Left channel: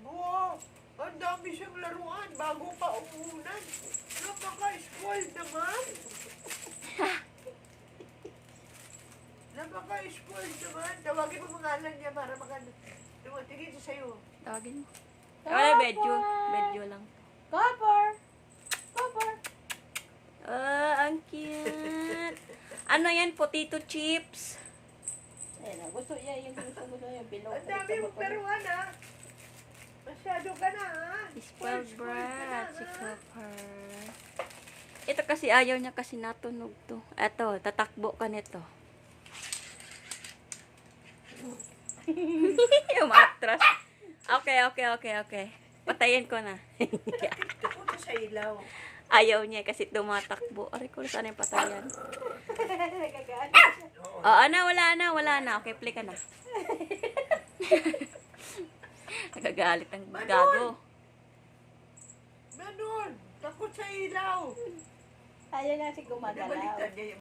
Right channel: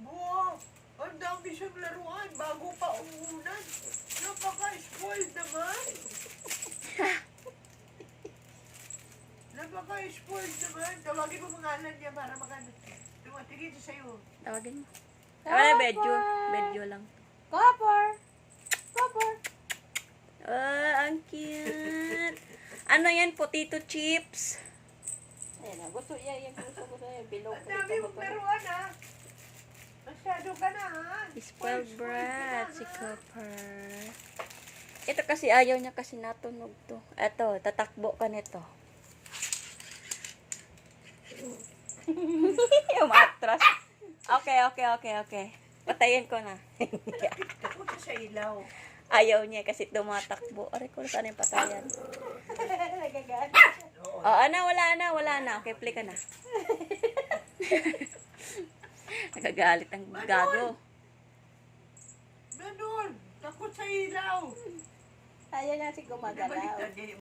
tumakbo. Ang dami siyang laruan bago pa umuulan. Napaka-spoiled naman. Napaka-spoiled naman. Tawagin mo pangalan niya para tumatingin siya sa'yo. Tawagin mo. Wala, bedyo lang. Copper! Copper! Ang cute. Ano yan? Potato chips. Ayun na, gusto niya. Bilog. Ang dami yung laruan ha. Masyado ka na ha. Spoiled brat. Si Copper. Ito kasi ayaw niya kasi natunog to. Ito, tatakbo ka nito. Umatras. Okay. Patayin ko na. Punta sa ilaw. Ayaw niya kasi tumatakbo. Aray ko, saan yung patayan? Nagagalit. Oo, wala na. Okay, play ka na. Nagagalit ang gago. Ganon. Takot sa ilaw. Ayaw niya si gumagalaw. Nabaliktad niya yung